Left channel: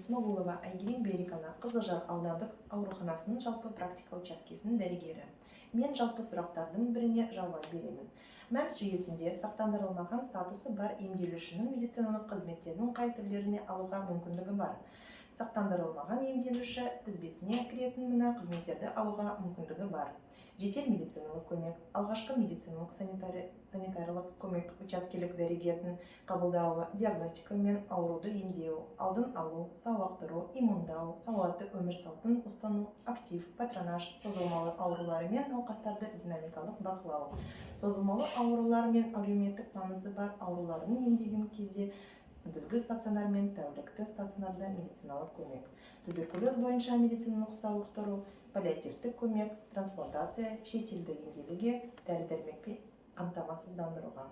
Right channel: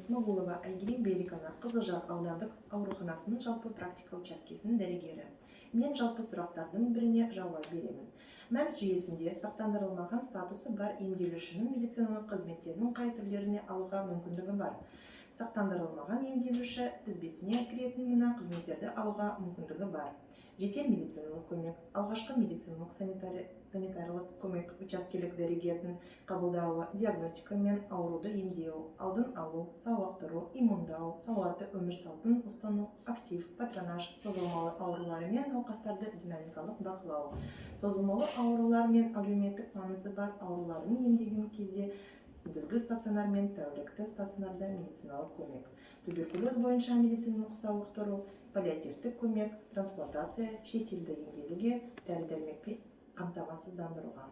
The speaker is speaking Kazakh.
Смогулова Айгерим Берикана Қызылжар аудандық ауруханасының жалпы практика учаскесінің дәрігері. Мен жалпы сұрақтардың біріне жауап беремін. МәМС жүйесінде сақтандырылмаған статусы бар емделушінің медициналық қызметтердің қай түрлеріне алуға мүмкіндігі бар. Сақтандырылмаған емделуші тізбесіне кіретін мына қызметтерді алуға мүмкіндігі бар. Жедел медициналық көмек, алғашқы медициналық санитарлық көмек, учаскелік дәрігердің қабылдауы, диагностика мен ауруды емдеу, алдын алу, сауықтыру, иммундау, салауатты өмір салтын ұстану, актив, патронаж, созылмалы аурулары мен науқастарды динамикалық бақылау. Созылмалы аурулар мен әлеуметтік маңызы бар ауруларын емдеген кезде күндізгі стационар мен тәулікті стационарда медициналық көмек, туберкулез бойынша медициналық сауықтыру, паллиативтік көмек, трансплантация, шетелді емделуге, дәрі-дәрмекпен қамтамасыздандыруға.